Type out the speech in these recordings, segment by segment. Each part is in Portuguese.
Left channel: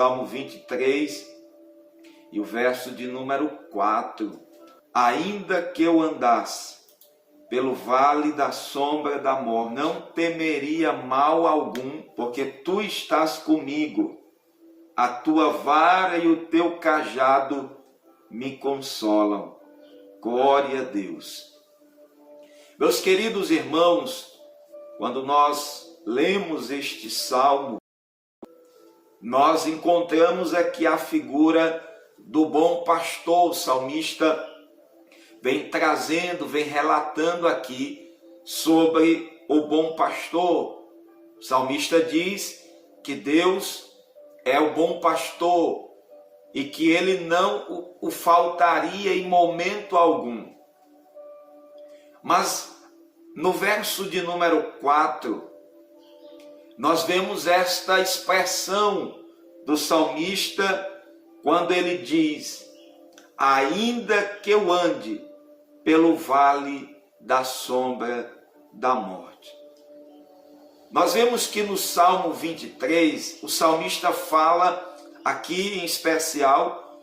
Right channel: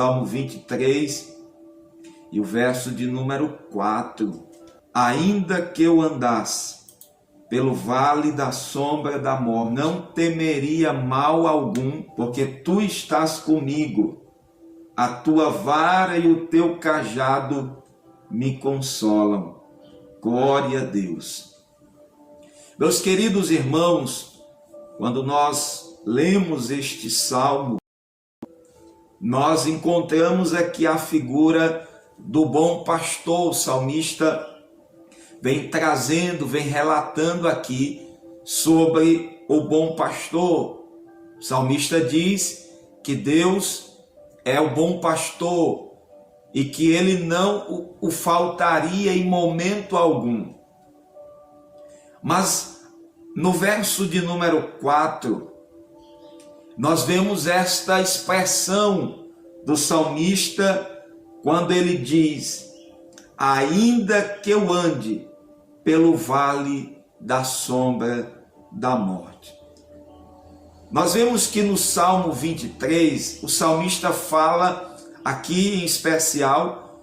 Salmo 23 e o verso de número 4. Ainda que eu andasse pelo vale da sombra da morte, não temeria mal algum, porque tu estás comigo. A tua vara e o teu cajado me consolam. Glória a Deus. Meus queridos irmãos, quando nós lemos este salmo, nós encontramos aqui a figura do bom pastor. O salmista vem trazendo, vem relatando aqui sobre o bom pastor. O salmista diz que Deus é o bom pastor e que ele não o faltaria em momento algum. Mas no verso de número 4, nós vemos esta expressão do salmista quando ele diz: ainda que eu ande pelo vale da sombra da morte. Nós vemos que no Salmo 23, o salmista fala aqui em especial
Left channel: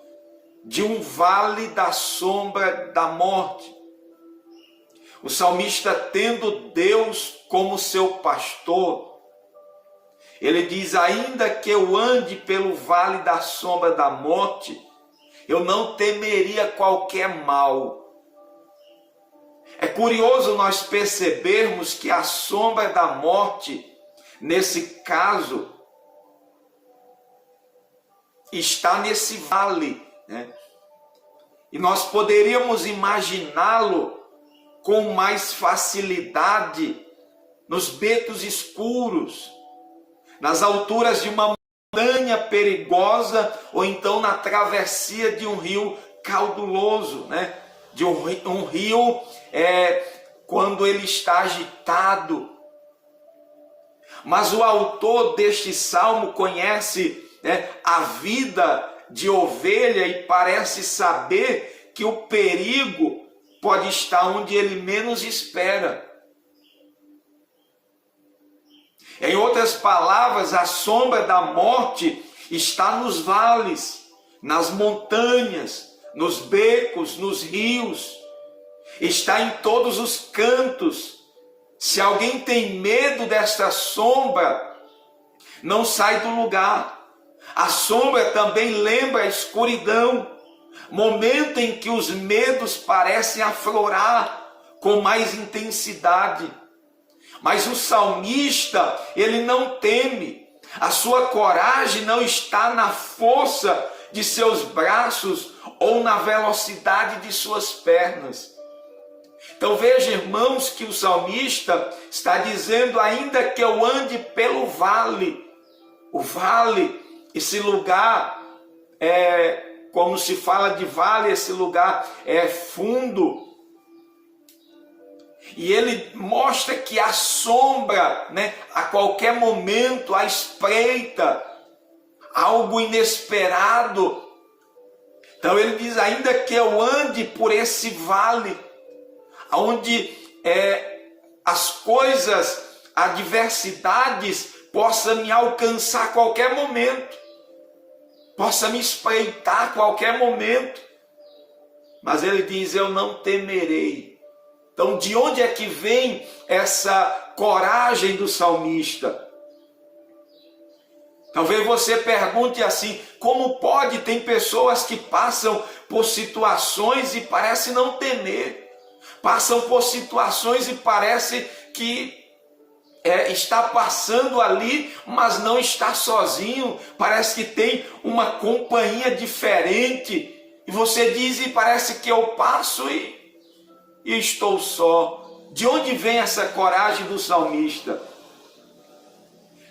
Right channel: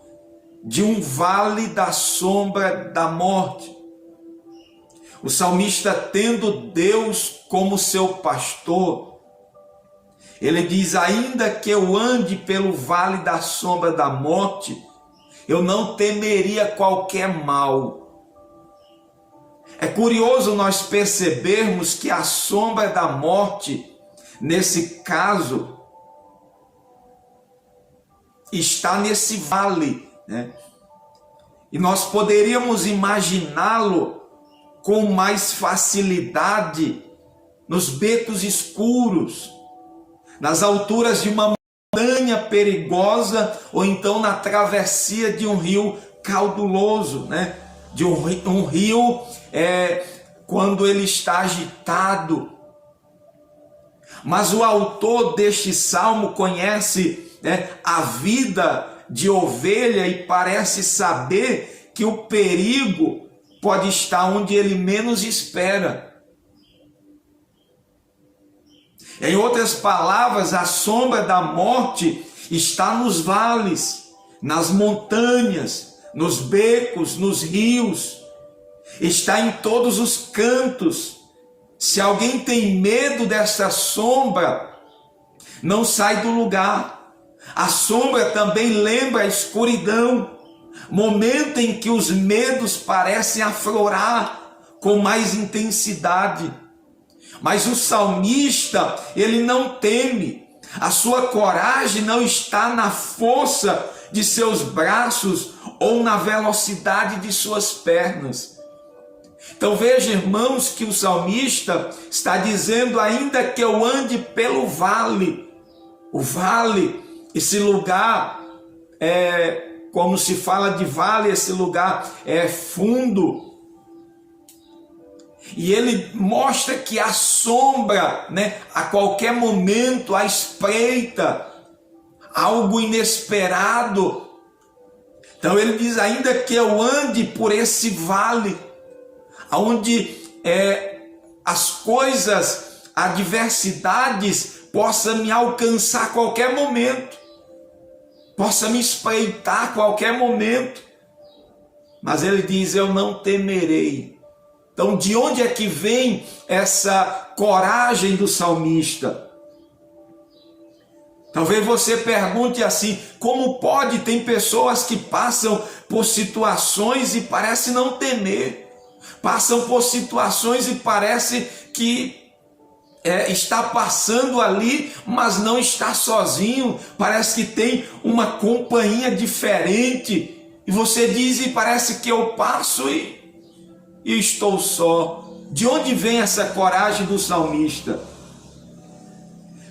de um vale da sombra da morte. O salmista, tendo Deus como seu pastor, ele diz: ainda que eu ande pelo vale da sombra da morte, eu não temeria qualquer mal. É curioso nós percebermos que a sombra da morte, nesse caso, está nesse vale, né? E nós poderíamos imaginá-lo com mais facilidade nos becos escuros, nas alturas de uma montanha perigosa, ou então na travessia de um rio caudaloso, né? De um rio quando ele está agitado. Mas o autor deste salmo conhece, né, a vida de ovelha e parece saber que o perigo pode estar onde ele menos espera. Em outras palavras, a sombra da morte está nos vales, nas montanhas, nos becos, nos rios, está em todos os cantos. Se alguém tem medo desta sombra, não sai do lugar. A sombra também lembra a escuridão, momento em que os medos parecem aflorar com mais intensidade. Mas o salmista, ele não teme. A sua coragem não está na força de seus braços ou na velocidade de suas pernas. Então veja, irmãos, que o salmista está dizendo: ainda que eu ande pelo vale. O vale, esse lugar, como se fala de vale, esse lugar é fundo. E ele mostra que a sombra, né, a qualquer momento, a espreita, algo inesperado. Então ele diz: ainda que eu ande por esse vale, onde as coisas, adversidades, possam me alcançar a qualquer momento, possa me espreitar a qualquer momento. Mas ele diz: eu não temerei. Então, de onde é que vem essa coragem do salmista? Talvez você pergunte assim: como pode? Tem pessoas que passam por situações e parece não temer. Passam por situações e parece que está passando ali, mas não está sozinho. Parece que tem uma companhia diferente. E você diz: e parece que eu passo e estou só. De onde vem essa coragem do salmista?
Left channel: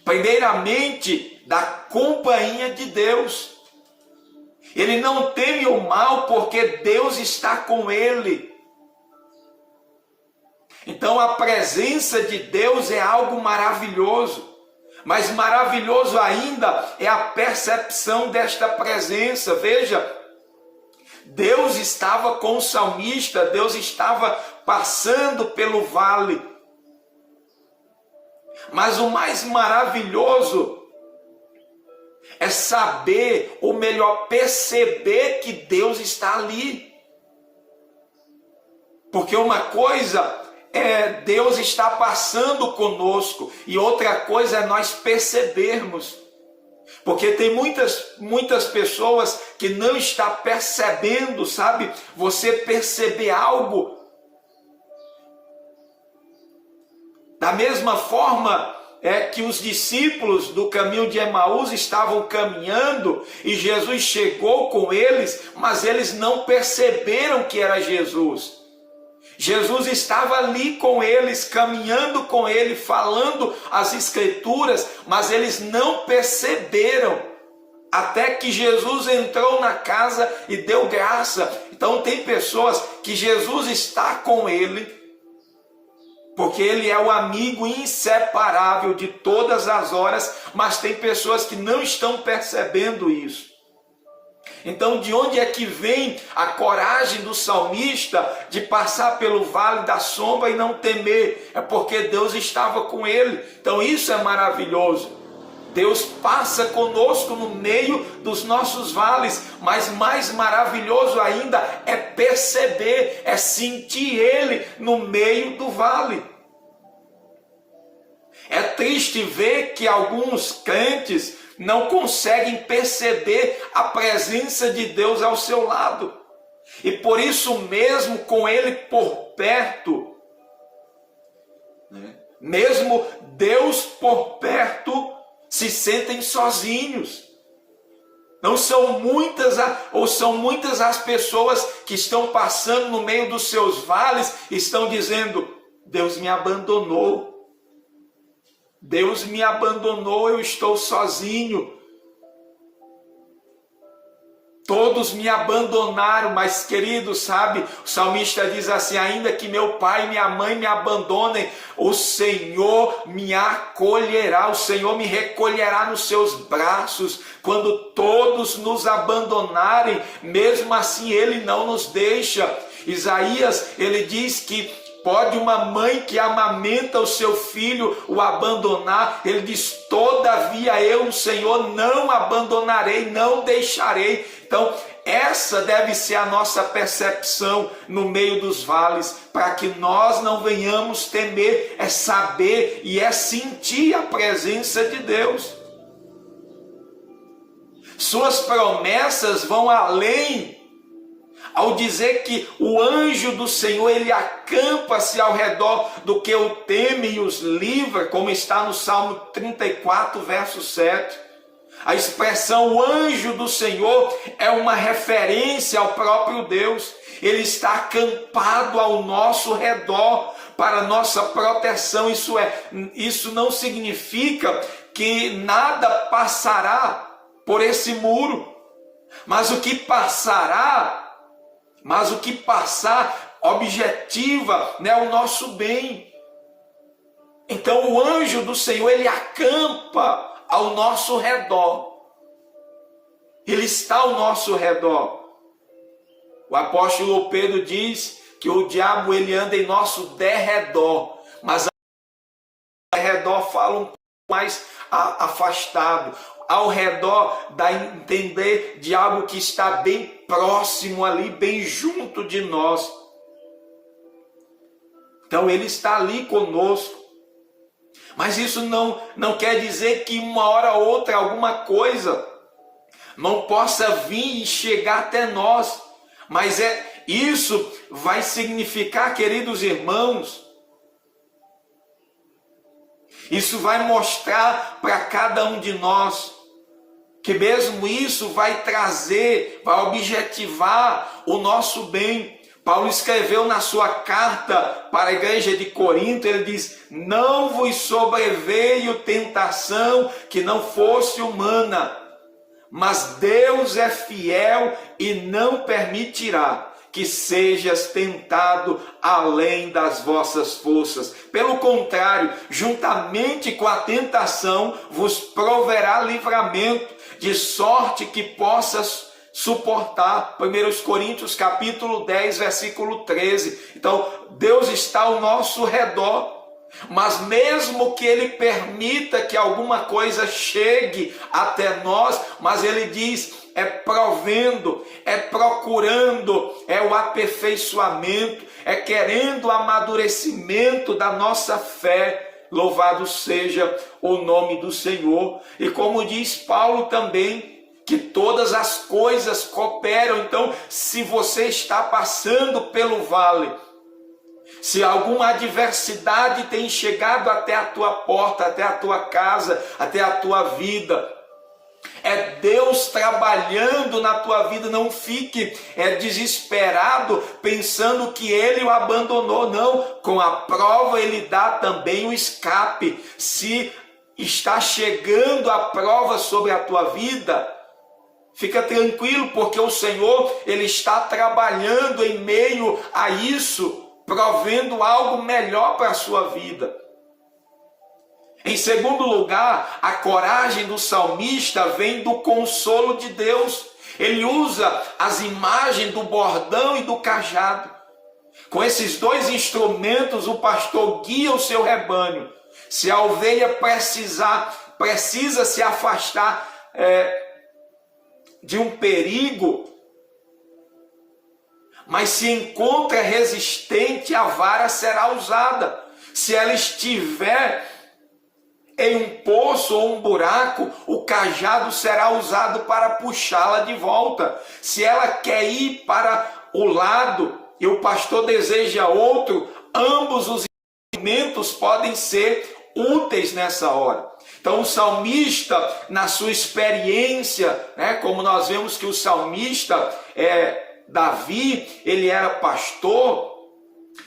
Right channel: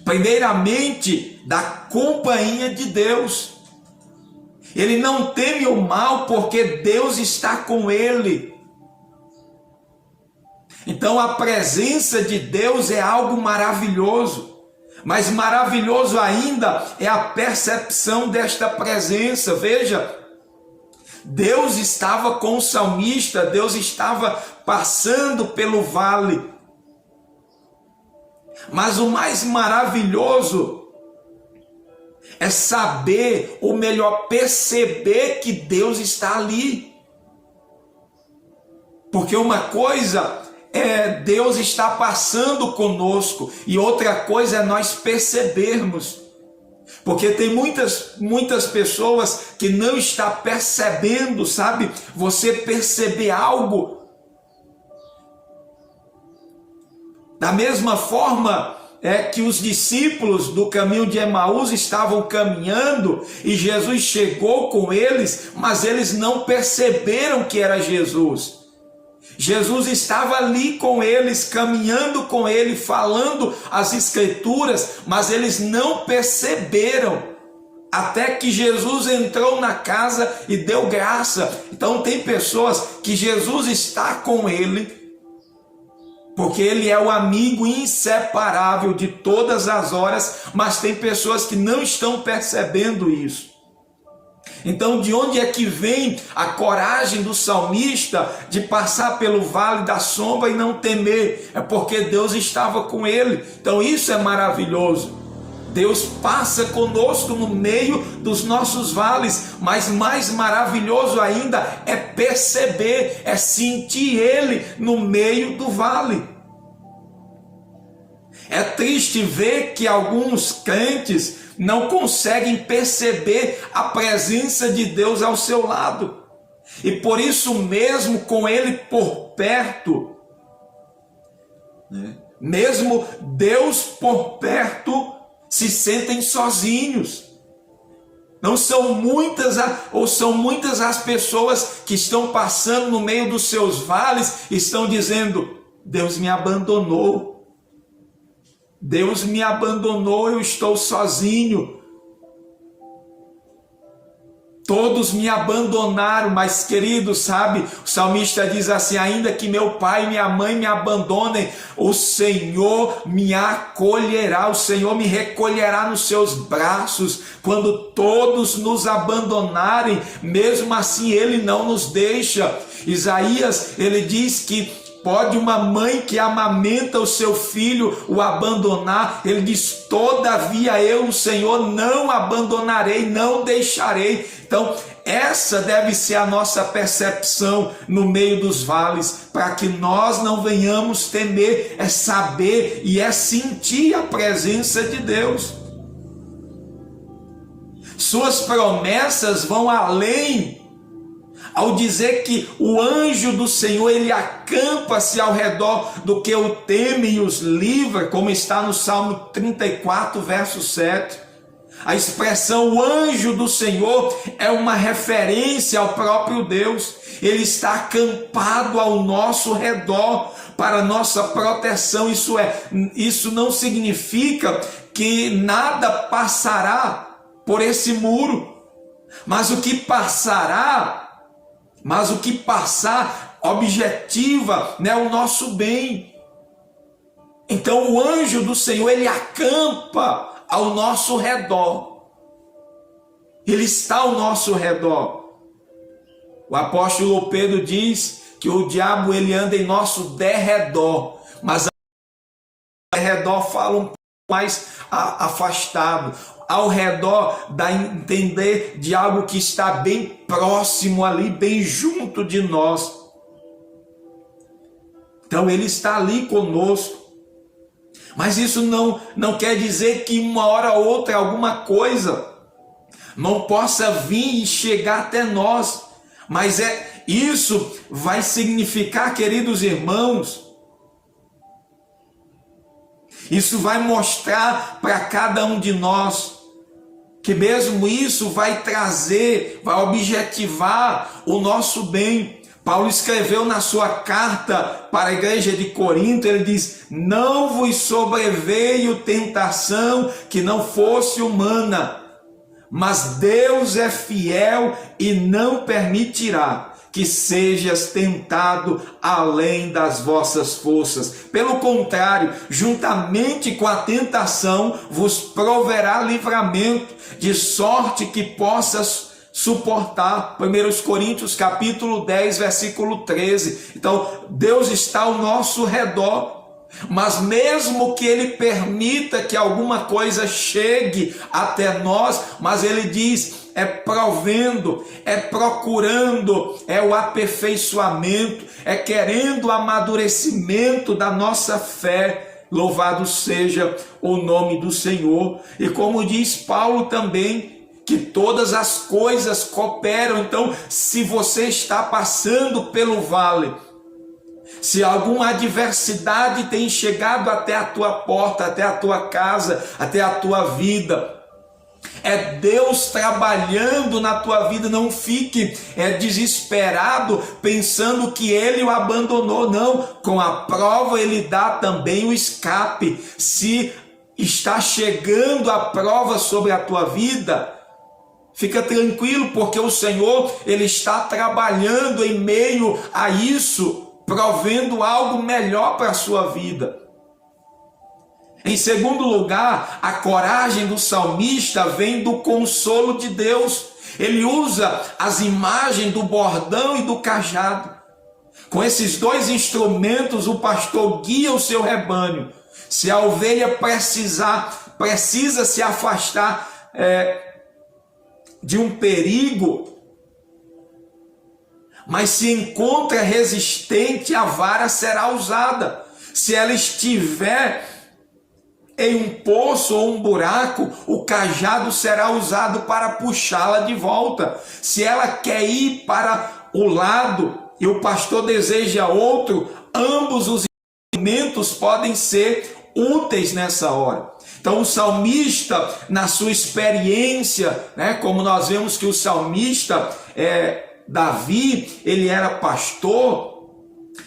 Primeiramente, da companhia de Deus. Ele não teme o mal porque Deus está com ele. Então a presença de Deus é algo maravilhoso. Mas maravilhoso ainda é a percepção desta presença. Veja, Deus estava com o salmista, Deus estava passando pelo vale. Mas o mais maravilhoso é saber, ou melhor, perceber que Deus está ali. Porque uma coisa é Deus estar passando conosco, e outra coisa é nós percebermos. Porque tem muitas pessoas que não estão percebendo, sabe? Você perceber algo. Da mesma forma que os discípulos do caminho de Emaús estavam caminhando e Jesus chegou com eles, mas eles não perceberam que era Jesus. Jesus estava ali com eles, caminhando com eles, falando as Escrituras, mas eles não perceberam, até que Jesus entrou na casa e deu graça. Então tem pessoas que Jesus está com ele, porque ele é o amigo inseparável de todas as horas, mas tem pessoas que não estão percebendo isso. Então, de onde é que vem a coragem do salmista de passar pelo vale da sombra e não temer? É porque Deus estava com ele. Então, isso é maravilhoso. Deus passa conosco no meio dos nossos vales, mas mais maravilhoso ainda é perceber, é sentir Ele no meio do vale. É triste ver que alguns crentes não conseguem perceber a presença de Deus ao seu lado. E por isso mesmo, com Ele por perto, mesmo Deus por perto, se sentem sozinhos. Não são muitas, ou são muitas as pessoas que estão passando no meio dos seus vales e estão dizendo: Deus me abandonou. Deus me abandonou, eu estou sozinho. Todos me abandonaram, mas querido, sabe, o salmista diz assim: ainda que meu pai e minha mãe me abandonem, o Senhor me acolherá, o Senhor me recolherá nos seus braços. Quando todos nos abandonarem, mesmo assim Ele não nos deixa. Isaías, ele diz que pode uma mãe que amamenta o seu filho o abandonar? Ele diz: todavia eu, o Senhor, não abandonarei, não deixarei. Então, essa deve ser a nossa percepção no meio dos vales, para que nós não venhamos temer, é saber e é sentir a presença de Deus. Suas promessas vão além, ao dizer que o anjo do Senhor, ele acampa-se ao redor do que o teme e os livra, como está no Salmo 34, verso 7. A expressão anjo do Senhor é uma referência ao próprio Deus. Ele está acampado ao nosso redor para nossa proteção. Isso não significa que nada passará por esse muro, mas o que passar objetiva, né, o nosso bem. Então o anjo do Senhor, ele acampa ao nosso redor. Ele está ao nosso redor. O apóstolo Pedro diz que o diabo, ele anda em nosso derredor, mas derredor fala um pouco mais afastado. Ao redor dá a entender de algo que está bem próximo ali, bem junto de nós. Então ele está ali conosco. Mas isso não quer dizer que uma hora ou outra alguma coisa não possa vir e chegar até nós. Mas isso vai significar, queridos irmãos, isso vai mostrar para cada um de nós que mesmo isso vai trazer, vai objetivar o nosso bem. Paulo escreveu na sua carta para a igreja de Corinto, ele diz: não vos sobreveio tentação que não fosse humana, mas Deus é fiel e não permitirá que sejas tentado além das vossas forças. Pelo contrário, juntamente com a tentação, vos proverá livramento, de sorte que possas suportar. 1 Coríntios capítulo 10, versículo 13. Então, Deus está ao nosso redor. Mas mesmo que Ele permita que alguma coisa chegue até nós, mas Ele diz, é provendo, é procurando, é o aperfeiçoamento, é querendo o amadurecimento da nossa fé. Louvado seja o nome do Senhor. E como diz Paulo também, que todas as coisas cooperam. Então, se você está passando pelo vale, se alguma adversidade tem chegado até a tua porta, até a tua casa, até a tua vida, é Deus trabalhando na tua vida. Não fique desesperado pensando que Ele o abandonou. Não, com a prova Ele dá também o escape. Se está chegando a prova sobre a tua vida, fica tranquilo, porque o Senhor, Ele está trabalhando em meio a isso, provendo algo melhor para a sua vida. Em segundo lugar, a coragem do salmista vem do consolo de Deus. Ele usa as imagens do bordão e do cajado. Com esses dois instrumentos, o pastor guia o seu rebanho. Se a ovelha precisa se afastar de um perigo, mas se encontra resistente, a vara será usada. Se ela estiver em um poço ou um buraco, o cajado será usado para puxá-la de volta. Se ela quer ir para o lado e o pastor deseja outro, ambos os instrumentos podem ser úteis nessa hora. Então o salmista, na sua experiência, como nós vemos que o salmista Davi, ele era pastor,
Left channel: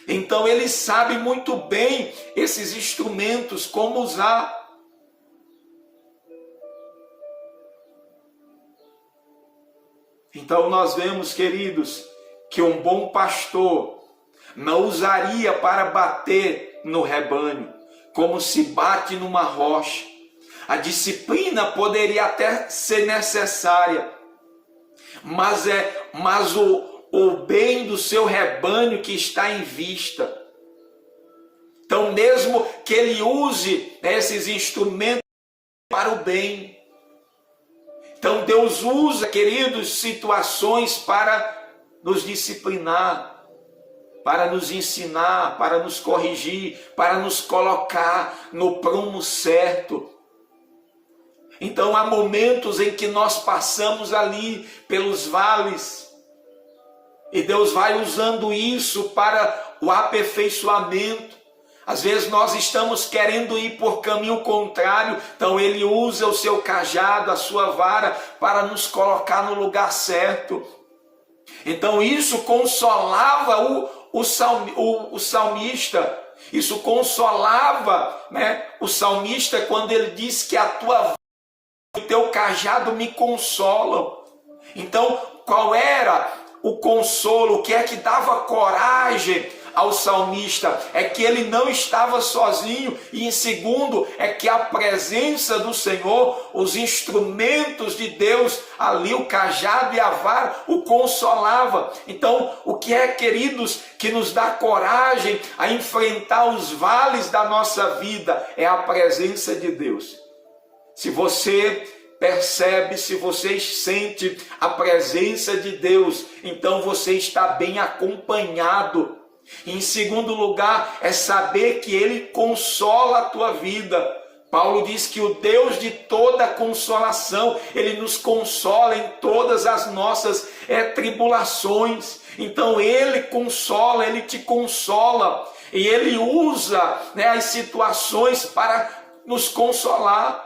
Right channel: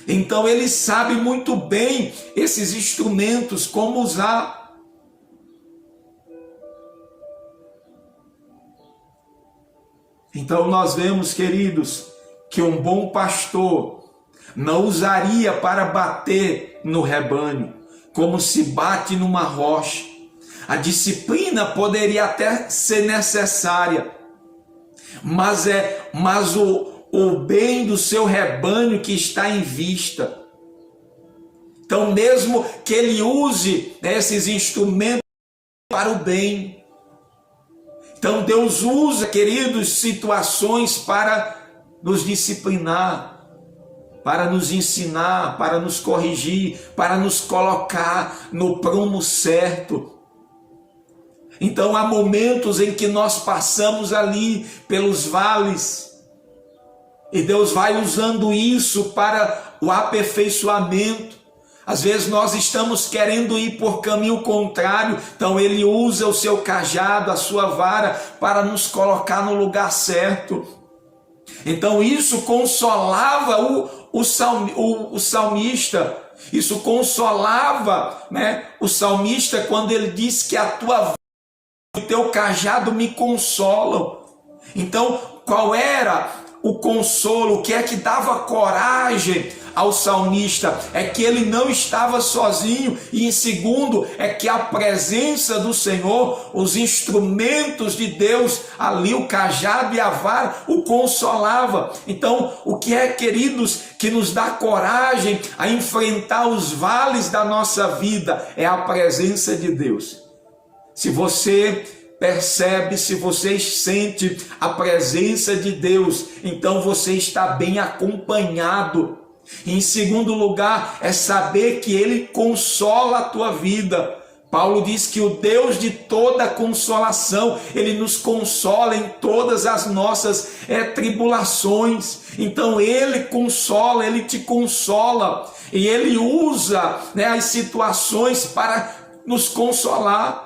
então ele sabe muito bem esses instrumentos, como usar. Então nós vemos, queridos, que um bom pastor não usaria para bater no rebanho, como se bate numa rocha. A disciplina poderia até ser necessária, mas o bem do seu rebanho que está em vista. Então, mesmo que ele use esses instrumentos para o bem. Então, Deus usa, queridos, situações para nos disciplinar, para nos ensinar, para nos corrigir, para nos colocar no prumo certo. Então, há momentos em que nós passamos ali pelos vales, e Deus vai usando isso para o aperfeiçoamento. Às vezes nós estamos querendo ir por caminho contrário, então Ele usa o seu cajado, a sua vara, para nos colocar no lugar certo. Então isso consolava o salmista, isso consolava o salmista quando ele disse que a tua vara e o teu cajado me consolam. Então qual era o consolo? O que é que dava coragem ao salmista? É que ele não estava sozinho, e em segundo, é que a presença do Senhor, os instrumentos de Deus, ali o cajado e a vara, o consolava. Então, o que é, queridos, que nos dá coragem a enfrentar os vales da nossa vida? É a presença de Deus. Se você percebe, se você sente a presença de Deus, então você está bem acompanhado. E em segundo lugar, é saber que Ele consola a tua vida. Paulo diz que o Deus de toda consolação, Ele nos consola em todas as nossas tribulações. Então Ele consola, Ele te consola, e Ele usa as situações para nos consolar.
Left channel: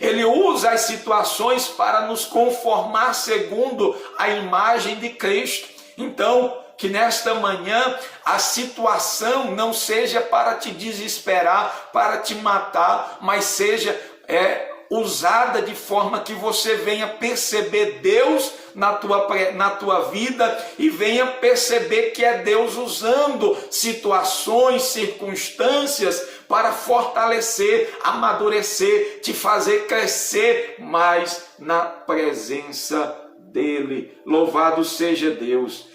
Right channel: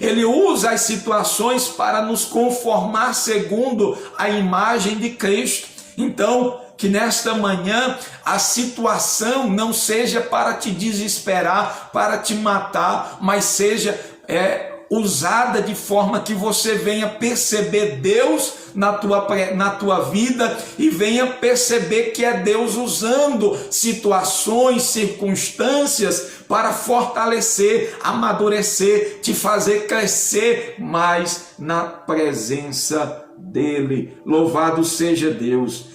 Ele usa as situações para nos conformar segundo a imagem de Cristo. Então, que nesta manhã a situação não seja para te desesperar, para te matar, mas seja usada de forma que você venha perceber Deus na tua vida, e venha perceber que é Deus usando situações, circunstâncias para fortalecer, amadurecer, te fazer crescer mais na presença dEle. Louvado seja Deus.